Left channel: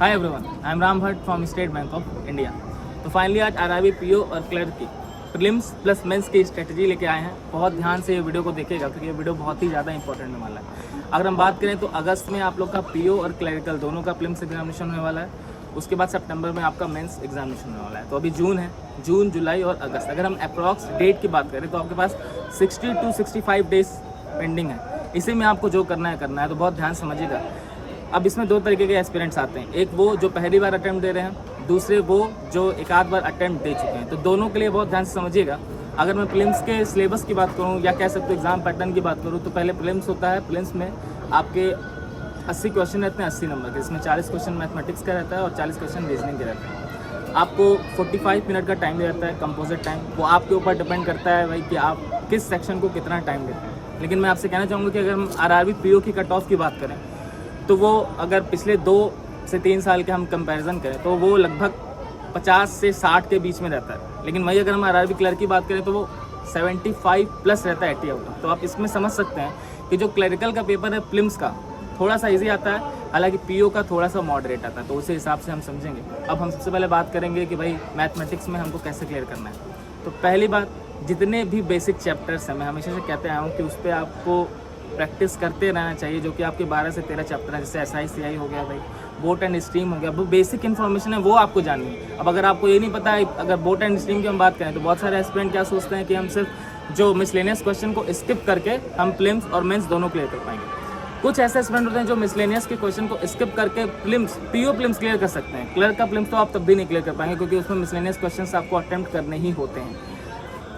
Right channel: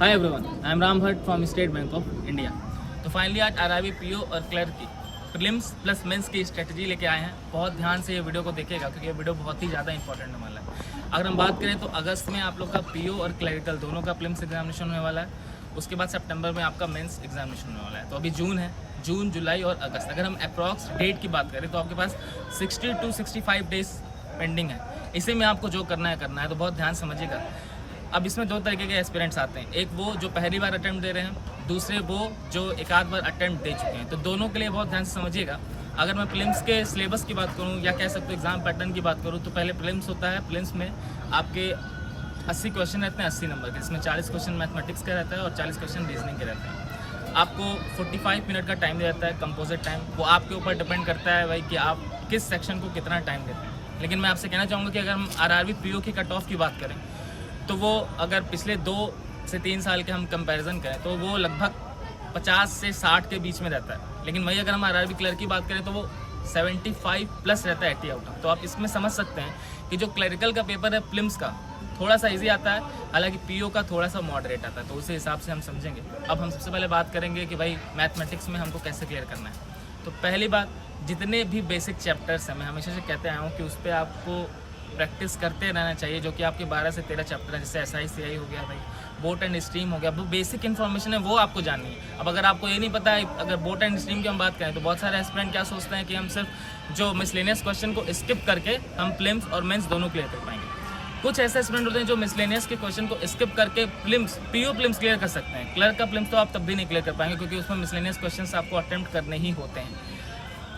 Hi everyone, I am Ram Bhatt from state bank of India. तो finally आज RRB PO और clerk की prelims plus mains की strategy लेके आए हैं। बहुत ध्यान से ये वीडियो को देखिएगा क्योंकि ये वीडियो बहुत ही ज़्यादा इंपॉर्टेंट होने वाला है। अगर हम बात करें तो अगस्त में आप लोग का पीओ और क्लरिकल दोनों का प्रीलिम्स एग्जामिनेशन होने वाला है। उसके बाद सितंबर में आपका मेंस एग्जामिनेशन होने वाला है। तो अभी जून है, जून, जुलाई और अगस्त। अगर हम अप्रॉक्स डेट की बात करें तो आपके पास 60 to 65 डेज पेंडिंग है। इसी में आपको जो करना है तो बहुत ध्यान समझिएगा। अब इसमें दो तरीके के एस्पिरेंट्स आते हैं, एक वो जो पहली बार अटेम्प्ट दे रहे हैं, दूसरे वो जो एक आध बार अटेम्प्ट दे चुके हैं। तो दोनों के लिए बहुत ध्यान से समझिएगा। अगर मैं प्रीलिम्स के सिलेबस की बात करूं या कह सकते हो एग्जाम पैटर्न की बात करूं तो पहले प्रीलिम्स होता है। प्रीलिम्स में आपके 80 क्वेश्चन रहते हैं 80 नंबर के, इसमें 40 क्वेश्चन मैथमेटिक्स का रहता है और 40 क्वेश्चन रीजनिंग के रहते हैं। आपको 45 मिनट का टाइम दे जाता है कंपोजिट टाइम। वो आपके ऊपर डिपेंड करता है भाई कि आप किस सेक्शन को कितना टाइम देते हैं। लेकिन मैं आपसे कहना चाहूँगा कि अगर हम आरआरबी पीओ की कट ऑफ की बात करें तो वो अगर पिछले 2 से 3 साल के हम कंपैरिजन करें तो वो लगभग 50 से 60 के बीच में रहता है। लेकिन वही अगर हम आरआरबी क्लर्क की बात करें तो वो 75 प्लस रहता है 80 आउट ऑफ। तो आप इसमें समझ सकते हैं कि जो क्लरिकल का पेपर है प्रीलिम्स का थोड़ा सा इजी आता है, हालांकि पीओ का थोड़ा सा मॉडरेट आता है। तो उसी हिसाब से हम समझेंगे। अब हम सबसे पहले बात करेंगे कि भाई मैथमेटिक्स में हमको कैसे क्लियर करना है। तो पहली बात, जितने भी बेसिक चैप्टर्स हैं मैं हमेशा से कहते आया हूँ कि उस पर आपको प्रैक्टिस करते रहना चाहिए। जो कि आपके 12 से 13 चैप्टर हैं, जैसे SI हो गया, भाई बोट एंड स्ट्रीम हो गया। वो बेसिक इन्फॉर्मेशन है, वो आपको जाननी है। अब अगर आपको ये नहीं पता है, अगर बोट एंड स्ट्रीम की हम बात करें तो बहुत सारे एस्पिरेंट क्या सोचते हैं कि हम सिर्फ जो मिसलेनियस क्वेश्चन को स्किप करके हम प्रीलिम्स और मेंस दोनों क्लियर कर पाएंगे। कुछ ऐसे एस्पिरेंट होते हैं जो मिसलेनियस के क्वेश्चन को स्किप करके पीओ प्रीलिम्स क्लियर कर सकते हैं। क्लर्क का प्रीलिम्स तो आप तब भी नहीं क्लियर कर पाएंगे क्योंकि उसमें मिसलेनियस क्वेश्चंस आपको अटेम्प्ट करने ही होते हैं।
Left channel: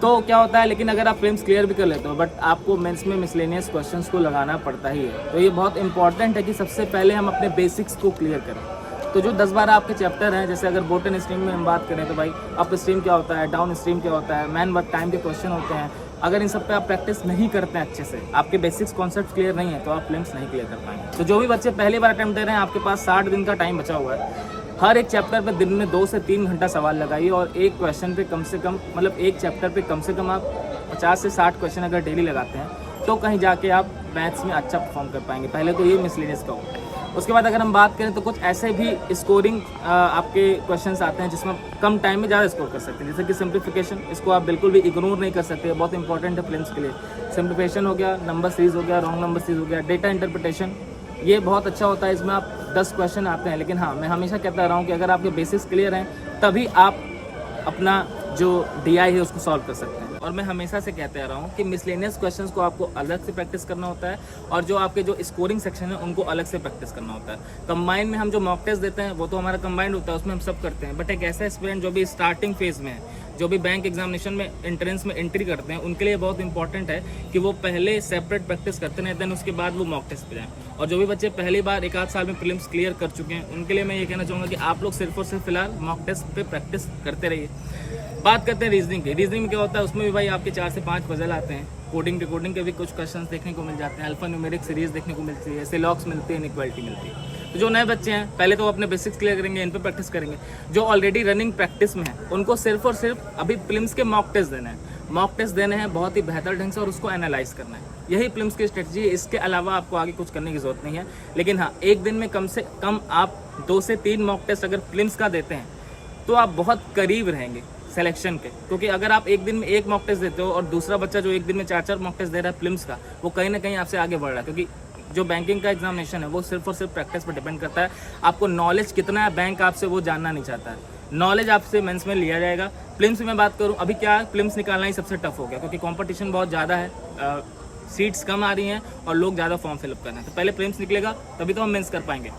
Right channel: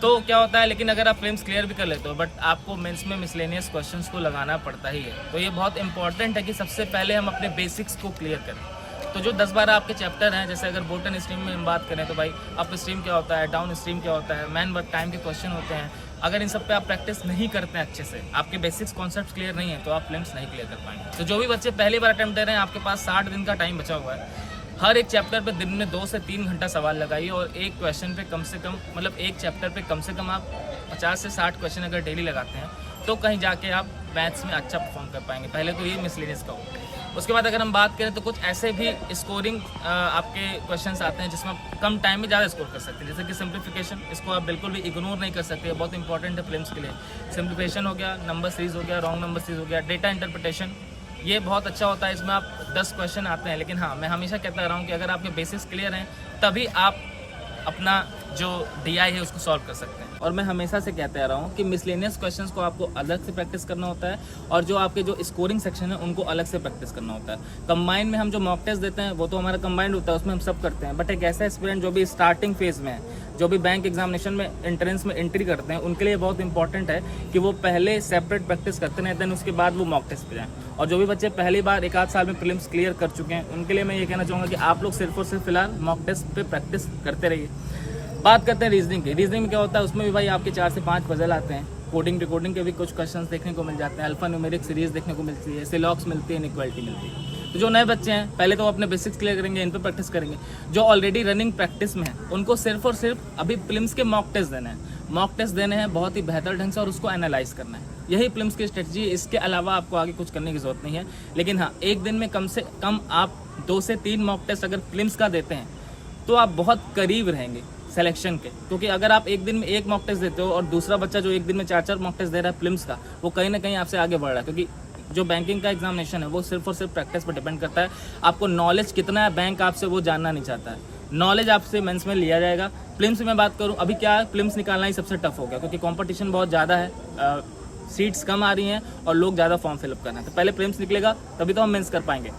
तो क्या होता है, लेकिन अगर आप प्रीलिम्स क्लियर भी कर लेते हो बट आपको मेंस में मिसलेनियस क्वेश्चंस को लगाना पड़ता ही है। तो ये बहुत इंपॉर्टेंट है कि सबसे पहले हम अपने बेसिक्स को क्लियर करें। तो जो 10-12 आपके चैप्टर हैं, जैसे अगर बोट एंड स्ट्रीम में हम बात करें तो भाई अप स्ट्रीम क्या होता है, डाउन स्ट्रीम क्या होता है, मैन वर्क टाइम के क्वेश्चन होते हैं। अगर इन सब पे आप प्रैक्टिस नहीं करते हैं अच्छे से, आपके बेसिक्स कॉन्सेप्ट क्लियर नहीं है तो आप प्रीलिम्स नहीं क्लियर कर पाएंगे। तो जो भी बच्चे पहली बार अटेम्प्ट दे रहे हैं, आपके पास 60 दिन का टाइम बचा हुआ है। हर एक चैप्टर पे दिन में 2 से 3 घंटा सवाल लगाइए और एक क्वेश्चन पे कम से कम, मतलब एक चैप्टर पे कम से कम आप 50 से 60 क्वेश्चन अगर डेली लगाते हैं तो कहीं जाके आप मैथ्स में अच्छा परफॉर्म कर पाएंगे। पहले तो ये मिसलेनियस का हो। उसके बाद अगर हम बात करें तो कुछ ऐसे भी स्कोरिंग आपके क्वेश्चंस आते हैं जिसमें कम टाइम में ज़्यादा स्कोर कर सकते हैं, जैसे कि सिंप्लीफिकेशन। इसको आप बिल्कुल भी इग्नोर नहीं कर सकते, बहुत इंपॉर्टेंट है प्रीलिम्स के लिए। सिंप्लीफिकेशन हो गया, नंबर सीरीज हो गया, रॉन्ग नंबर सीरीज हो गया, डेटा इंटरप्रिटेशन, ये बहुत अच्छा होता है। इसमें आप 10 क्वेश्चन आते हैं। लेकिन हाँ, मैं हमेशा कहता रहा हूँ कि अगर आपके बेसिक्स क्लियर हैं तभी आप अपना जो DI है उसको सॉल्व कर सकते हैं। और मैं हमेशा से कहते आ रहा हूँ कि मिसलेनियस क्वेश्चंस को आपको अलग से प्रैक्टिस करना होता है और जो आपके जो स्कोरिंग सेक्शन है उनको अलग से प्रैक्टिस करना होता है। कंबाइन में हम जो मॉक टेस्ट देते हैं वो तो हमारा कंबाइंड होता है, उसमें हम सब करते हैं। बट एक ऐसा एस्पिरेंट जो भी स्टार्टिंग फेज में है, जो भी बैंक एग्जामिनेशन में एंट्रेंस में एंट्री करते हैं, उनके लिए बहुत इंपॉर्टेंट है कि वो पहले सेपरेट प्रैक्टिस करते हैं, देन उसके बाद वो मॉक टेस्ट पे जाएं। और जो भी बच्चे पहली बार 1 आध साल में प्रीलिम्स क्लियर कर चुके हैं उनके लिए मैं ये कहना चाहूँगा कि आप लोग सिर्फ और सिर्फ फिलहाल मॉक टेस्ट पे प्रैक्टिस करते रहिए। बात करते हैं रीजनिंग की। रीजनिंग में क्या होता है, उसमें भी भाई आपके 4 से 5 पजल आते हैं। कोडिंग डिकोडिंग के भी कुछ क्वेश्चंस देखने को मिल जाते हैं, अल्फा न्यूमेरिक सीरीज देखने को मिलती है, सिलॉक्स मिलती है, इनइक्वालिटी मिलती है। तो जो नए बच्चे हैं पहले तो अपने बेसिक्स क्लियर करेंगे, इन पर प्रैक्टिस करेंगे। जो ऑलरेडी रनिंग प्रैक्टिस में है उनको सिर्फ और सिर्फ अभी प्रीलिम्स के मॉक टेस्ट देने हैं। मॉक टेस्ट देने हैं बहुत ही बेहतर ढंग से और उसको एनालाइज करना है। यही प्रीलिम्स की स्ट्रेटजी है। इसके अलावा आपको आगे कुछ करने की जरूरत नहीं है। लेकिन हाँ, एक दिन में कम से कम आप 2 से 3 मॉक टेस्ट अगर प्रीलिम्स का देते हैं तो आप बहुत करीब रहेंगे सिलेक्शन के। क्योंकि अगर आप एक दिन में 1 मॉक टेस्ट देते हो और दूसरा बच्चा जो एक दिन में 4-4 मॉक टेस्ट दे रहा है प्रीलिम्स का, वो कहीं ना कहीं आपसे आगे बढ़ रहा है। क्योंकि जो बैंकिंग का एग्जामिनेशन है वो सिर्फ और सिर्फ प्रैक्टिस पर डिपेंड करता है। आपको नॉलेज कितना है बैंक आपसे वो जानना नहीं चाहता है। नॉलेज आपसे मेंस में लिया जाएगा। प्रीलिम्स में बात करूँ, अभी क्या प्रीलिम्स निकालना ही सबसे टफ हो गया क्योंकि कंपटीशन बहुत ज़्यादा है, सीट्स कम आ रही हैं और लोग ज़्यादा फॉर्म फिलअप करना है। तो पहले प्रीलिम्स निकलेगा तभी तो हम मेंस कर पाएंगे।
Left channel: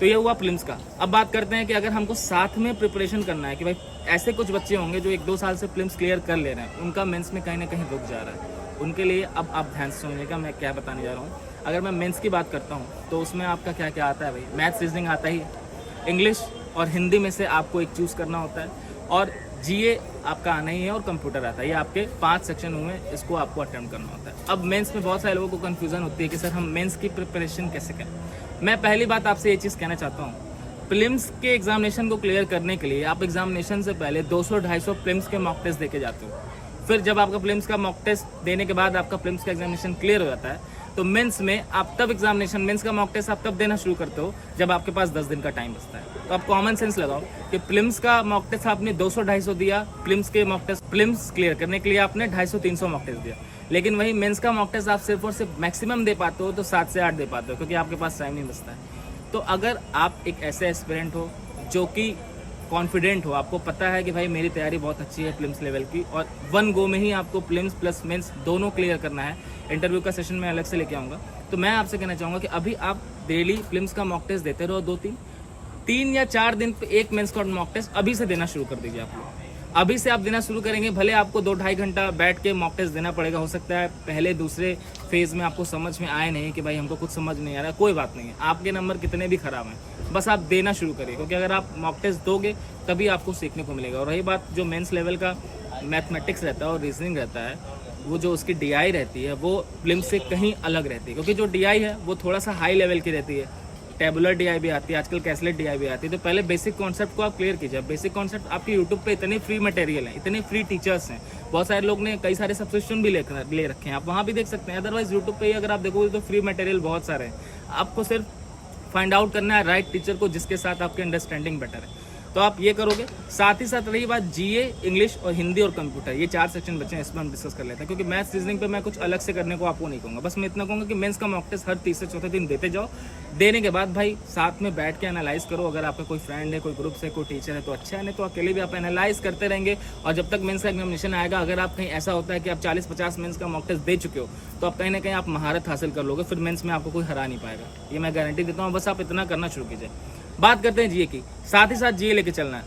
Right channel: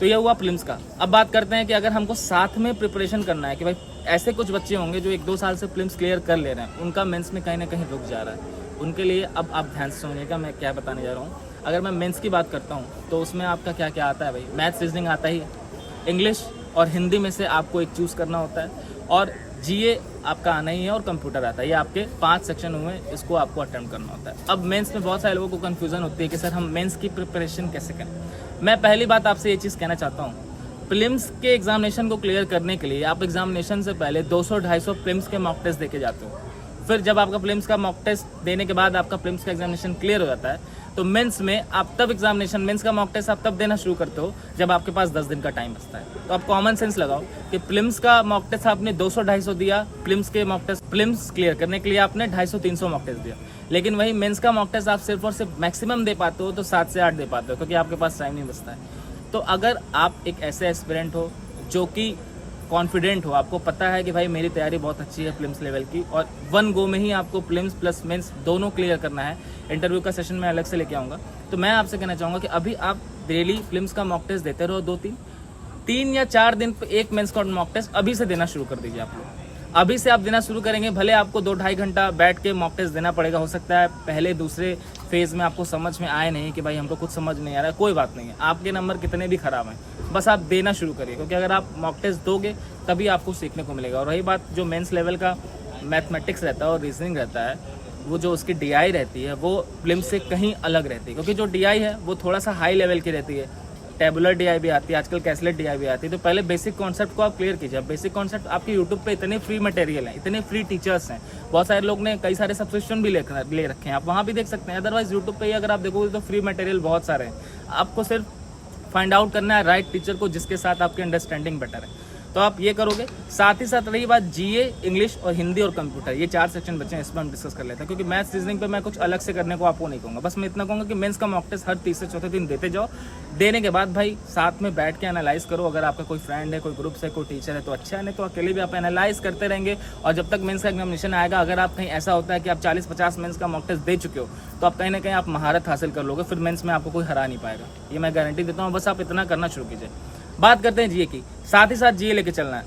तो ये हुआ प्रीलिम्स का। अब बात करते हैं कि अगर हमको साथ में प्रिपरेशन करना है कि भाई ऐसे कुछ बच्चे होंगे जो 1-2 साल से प्रीलिम्स क्लियर कर ले रहे हैं, उनका मेंस में कहीं ना कहीं रुक जा रहा है। उनके लिए अब आप ध्यान से सुनिएगा मैं क्या बताने जा रहा हूँ। अगर मैं मेंस की बात करता हूँ तो उसमें आपका क्या क्या आता है भाई, मैथ्स रीजनिंग आता ही, इंग्लिश और हिंदी में से आपको एक चूज़ करना होता है, और GA आपका आना ही है, और कंप्यूटर आता है। ये आपके 5 सेक्शन हुए, इसको आपको अटेम्प्ट करना होता है। अब मेंस में बहुत सारे लोगों को कन्फ्यूजन होती है कि सर हम मेंस की प्रिपरेशन कैसे करें। मैं पहली बात आपसे ये चीज़ कहना चाहता हूँ, प्रीलिम्स के एग्जामिनेशन को क्लियर करने के लिए आप एग्जामिनेशन से पहले 200-250 प्रीलिम्स के मॉक टेस्ट देके जाते हो। फिर जब आपका प्रीलिम्स का मॉक टेस्ट देने के बाद आपका प्रीलिम्स का एग्जामिनेशन क्लियर हो जाता है तो मेंस में आप तब एग्जामिनेशन, मेंस का मॉक टेस्ट आप तब देना शुरू करते हो जब आपके पास 10 दिन का टाइम बचता है। तो आप कॉमन सेंस लगाओ कि प्रीलिम्स का मॉक टेस्ट आपने 200-250 दिया, प्रीलिम्स क्लियर करने के लिए आपने 250-300 मॉक टेस्ट दिया, लेकिन वही मेंस का मॉक टेस्ट आप सिर्फ और सिर्फ मैक्सिमम दे पाते हो तो 7 से 8 दे पाते हो, क्योंकि आपके पास टाइम नहीं बचता है। तो अगर आप एक ऐसे एस्पिरेंट हो जो कि कॉन्फिडेंट हो, आपको पता है कि भाई मेरी तैयारी बहुत अच्छी है प्रीलिम्स लेवल की, और 1 गो में ही आपको प्रीलिम्स प्लस मेंस दोनों क्लियर करना है, इंटरव्यू का सेशन मैं अलग से लेके आऊँगा, तो मैं आपसे कहना चाहूँगा कि अभी आप डेली प्रीलिम्स का मॉक टेस्ट देते रहो, 2-3 या 4 दिन पे एक मेंस का मॉक टेस्ट अभी से देना शुरू कर दीजिए। आप लोग अभी से आप देना शुरू करेंगे, भले आपको 2-2.5 घंटा बैठ के मॉक टेस्ट देना पड़ेगा, हो सकता है पहले दूसरे फेज में आपको समझ में आए नहीं कि भाई हमको कुछ समझ नहीं आ रहा है, कोई बात नहीं है, आपके नंबर कितने भी खराब हैं, बस आप देना शुरू करिए, क्योंकि अगर आप मॉक टेस्ट दोगे तभी आपको सीखने को मिलेगा। और रही बात जो मेंस लेवल का मैथमेटिक्स रहता है और रीजनिंग रहता है, वो जो उसकी DI रहती है वो प्रीलिम्स से कहीं अलग रहती है, क्योंकि जो DI है वो थोड़ा सा हाई लेवल की रहती है, टेबुलर DI भी आती है, आजकल कैसलेट DI भी आती है। तो पहले बेसिक कॉन्सेप्ट को आप क्लियर कीजिए। बेसिक कॉन्सेप्ट आपके यूट्यूब पे इतने फ्री मटेरियल हैं, इतने फ्री टीचर्स हैं, बहुत सारे लोग ने कई सारे सब्सक्रिप्शन भी ले रखे हैं, आप वहाँ भी देख सकते हैं। अदरवाइज यूट्यूब पे ही अगर आप देखोगे तो फ्री मटेरियल बहुत सारे हैं, आपको सिर्फ फाइंड आउट करना है राइट टीचर को जिसके साथ आपकी अंडरस्टैंडिंग बेटर है, तो आप ये करोगे। साथ ही साथ रही बात GA, इंग्लिश और हिंदी और कंप्यूटर, ये 4 सेक्शन बचे हैं, इसमें हम डिस्कस कर लेते हैं, क्योंकि मैथ्स रीजनिंग पे मैं कुछ अलग से करने को आपको नहीं कहूँगा। बस मैं इतना कहूँगा कि मेंस का मॉक टेस्ट हर 3 से 4 दिन देते जाओ। देने के बाद भाई साथ में बैठ के एनालाइज करो, अगर आपका कोई फ्रेंड है, कोई ग्रुप से, कोई टीचर है तो अच्छा है, नहीं तो अकेले भी आप एनालाइज करते रहेंगे। और जब तक मेंस का एग्जामिनेशन आएगा, अगर आप कहीं ऐसा होता है कि आप 40-50 मेंस का मॉक टेस्ट दे चुके हो, तो आप कहीं ना कहीं आप महारत हासिल कर लोगे, फिर मेंस में आपको कोई हरा नहीं पाएगा, ये मैं गारंटी देता हूँ। बस आप इतना करना शुरू कीजिए। बात करते हैं GA की, साथ ही साथ GA लेके चलना है।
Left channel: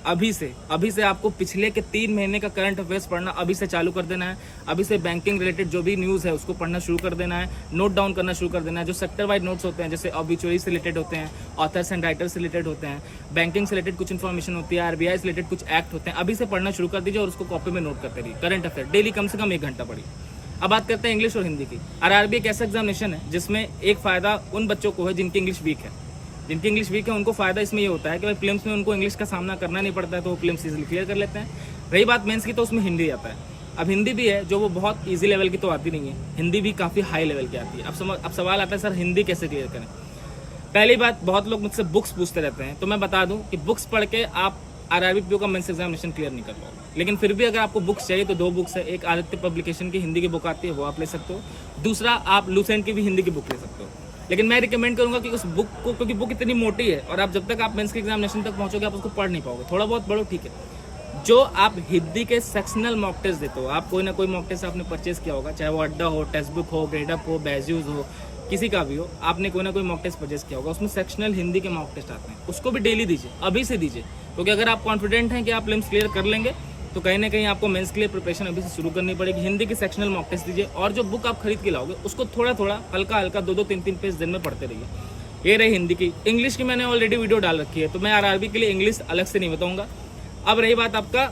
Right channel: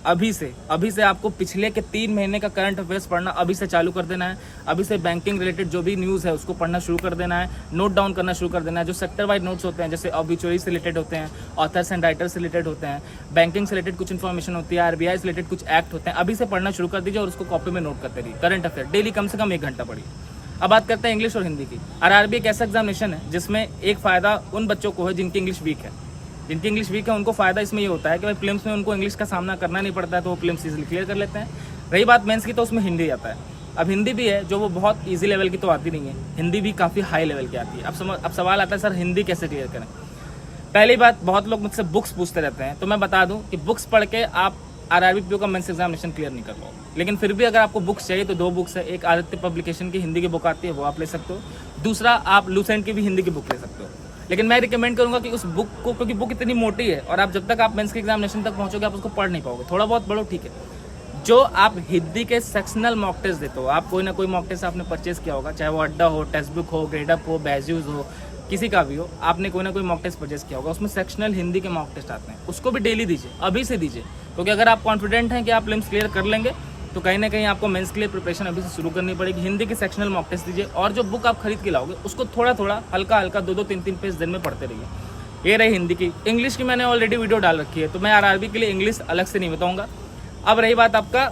अभी से आपको पिछले के 3 महीने का करंट अफेयर्स पढ़ना अभी से चालू कर देना है। अभी से बैंकिंग रिलेटेड जो भी न्यूज़ है उसको पढ़ना शुरू कर देना है, नोट डाउन करना शुरू कर देना है। जो सेक्टर वाइज नोट्स होते हैं, जैसे ऑब्ituary से रिलेटेड होते हैं, ऑथर्स एंड राइटर्स से रिलेटेड होते हैं, बैंकिंग से रिलेटेड कुछ इन्फॉर्मेशन होती है, RBI से रिलेटेड कुछ एक्ट होते हैं, अभी से पढ़ना शुरू कर दीजिए और उसको कॉपी में नोट करते रहिए। करंट अफेयर डेली कम से कम 1 घंटा पढ़िए। अब बात करते हैं इंग्लिश और हिंदी की। RRB एक ऐसा एग्जामिनेशन है जिसमें एक फायदा उन बच्चों को है जिनकी इंग्लिश वीक है। उनको फायदा इसमें ये होता है कि भाई प्रीलिम्स में उनको इंग्लिश का सामना करना नहीं पड़ता है, तो वो प्रीलिम्स इजीली क्लियर कर लेते हैं। रही बात मेंस की, तो उसमें हिंदी आता है। अब हिंदी भी है जो वो बहुत इजी लेवल की तो आती नहीं है, हिंदी भी काफ़ी हाई लेवल की आती है। अब सवाल आता है सर हिंदी कैसे क्लियर करें। पहली बात, बहुत लोग मुझसे बुक्स पूछते रहते हैं, तो मैं बता दूं कि बुक्स पढ़ के आप RRB PO का मेंस एग्जामिनेशन क्लियर नहीं कर पाओगे। लेकिन फिर भी अगर आपको बुक्स चाहिए तो 2 बुक्स है, एक आदित्य पब्लिकेशन की हिंदी की बुक आती है, वो आप ले सकते हो, दूसरा आप लूसेंट की भी हिंदी की बुक ले सकते हो। लेकिन मैं रिकमेंड करूंगा कि उस बुक को, क्योंकि बुक इतनी मोटी है और आप जब तक आप मेंस के एग्जामिनेशन तक पहुंचोगे आप उसको पढ़ नहीं पाओगे। थोड़ा बहुत पढ़ो ठीक है। जो आप हिंदी के सेक्शनल मॉक टेस्ट देते हो, आप कोई ना कोई मॉक टेस्ट आपने परचेज किया होगा, चाहे वो अड्डा हो, टेक्स्ट बुक हो, ग्रेडअप हो, बैज्यूज हो, किसी का भी हो, आपने कोई ना कोई मॉक टेस्ट परचेज किया होगा, उसमें सेक्शनल हिंदी के मॉक टेस्ट आते हैं, उसको भी डेली दीजिए, अभी से दीजिए। क्योंकि अगर आप कॉन्फिडेंट हैं कि आप प्रीलिम्स क्लियर कर लेंगे तो कहीं ना कहीं आपको मेंस के लिए प्रिपरेशन अभी से शुरू करनी पड़ेगी। हिंदी के सेक्शनल मॉक टेस्ट दीजिए और जो बुक आप खरीद के लाओगे उसको थोड़ा थोड़ा हल्का 2-2, 3-3 पेज दिन में पढ़ते रहिए। ये रही हिंदी की। इंग्लिश की मैंने ऑलरेडी वीडियो डाल रखी है, तो मैं RRB के लिए इंग्लिश अलग से नहीं बताऊंगा। अब रही बात आपका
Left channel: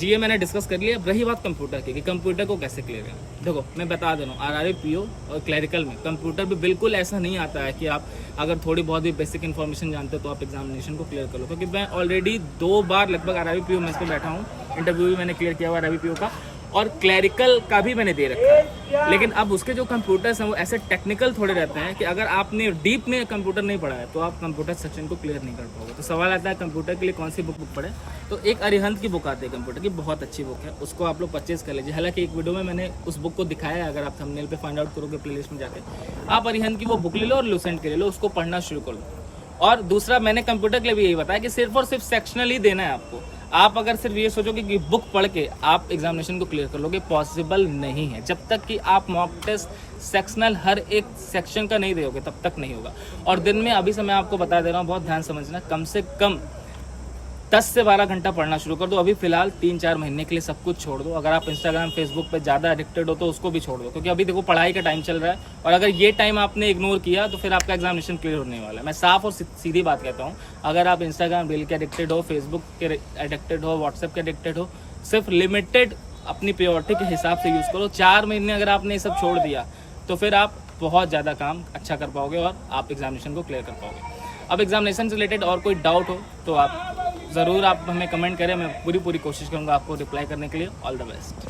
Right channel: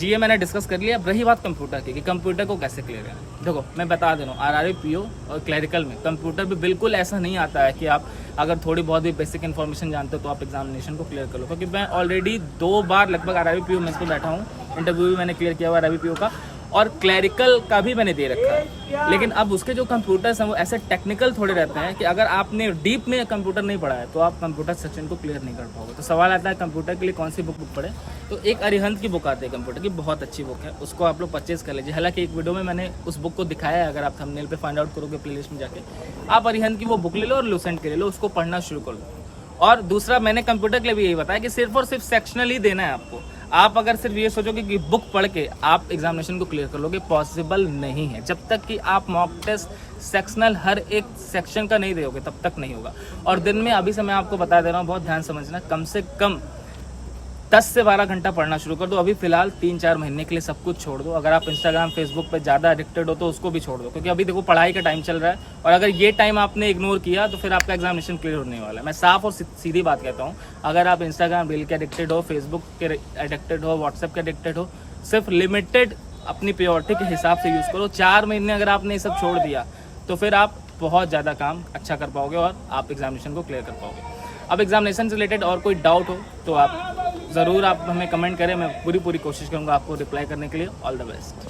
GA मैंने डिस्कस कर लिया। अब रही बात कंप्यूटर की कि कंप्यूटर को कैसे क्लियर करना। देखो मैं बता दे रहा हूँ, RRB PO और क्लरिकल में कंप्यूटर भी बिल्कुल ऐसा नहीं आता है कि आप अगर थोड़ी बहुत भी बेसिक इन्फॉर्मेशन जानते हो तो आप एग्जामिनेशन को क्लियर कर लो। क्योंकि मैं ऑलरेडी 2 बार लगभग RRB PO मेंस पे बैठा हूँ, इंटरव्यू भी मैंने क्लियर किया हुआ RRB PO का, और क्लरिकल का भी मैंने दे रखा है। लेकिन अब उसके जो कंप्यूटर्स हैं वो ऐसे टेक्निकल थोड़े रहते हैं कि अगर आपने डीप में कंप्यूटर नहीं पढ़ा है तो आप कंप्यूटर सेक्शन को क्लियर नहीं कर पाओगे। तो सवाल आता है कंप्यूटर के लिए कौन सी बुक पढ़े, तो एक अरिहंत की बुक आती है कंप्यूटर की, बहुत अच्छी बुक है, उसको आप लोग परचेज कर लीजिए। हालांकि एक वीडियो में मैंने उस बुक को दिखाया है, अगर आप थंबनेल पे फाइंड आउट करोगे प्लेलिस्ट में जाके, आप अरिहंत की वो बुक ले लो और लूसेंट के ले लो, उसको पढ़ना शुरू कर लो। और दूसरा मैंने कंप्यूटर के लिए भी यही बताया कि सिर्फ और सिर्फ सेक्शनल ही देना है आपको। आप अगर सिर्फ ये सोचोगे कि बुक पढ़ के आप एग्जामिनेशन को क्लियर कर लोगे, पॉसिबल नहीं है। जब तक कि आप मॉक टेस्ट सेक्शनल हर एक सेक्शन का नहीं दोगे तब तक नहीं होगा। और दिन में अभी से मैं आपको बता दे रहा हूँ, बहुत ध्यान समझना, कम से कम 10 से 12 घंटा पढ़ना शुरू कर दो। अभी फिलहाल 3-4 महीने के लिए सब कुछ छोड़ दो। अगर आप इंस्टाग्राम फेसबुक पे ज़्यादा एडिक्टेड हो तो उसको भी छोड़ दो, क्योंकि अभी देखो पढ़ाई का टाइम चल रहा है और अगर ये टाइम आपने इग्नोर किया तो फिर आपका एग्जामिनेशन क्लियर होने वाला है। मैं साफ और सीधी बात कहता हूँ, अगर आप इंस्टाग्राम रील के एडिक्टेड हो, फेसबुक के एडिक्टेड हो, व्हाट्सएप के एडिक्टेड हो, सिर्फ लिमिटेड अपनी प्रायोरिटी के हिसाब से यूज़ करो। 4 महीने अगर आपने ये सब छोड़ दिया तो फिर आप बहुत ज़्यादा काम अच्छा कर पाओगे और आप एग्जामिनेशन को क्लियर कर पाओगे। अब एग्जामिनेशन से रिलेटेड और कोई डाउट हो तो आप ज़रूर आप हमें कमेंट करें, मैं पूरी कोशिश करूँगा आपको रिप्लाई करने के लिए। All the best.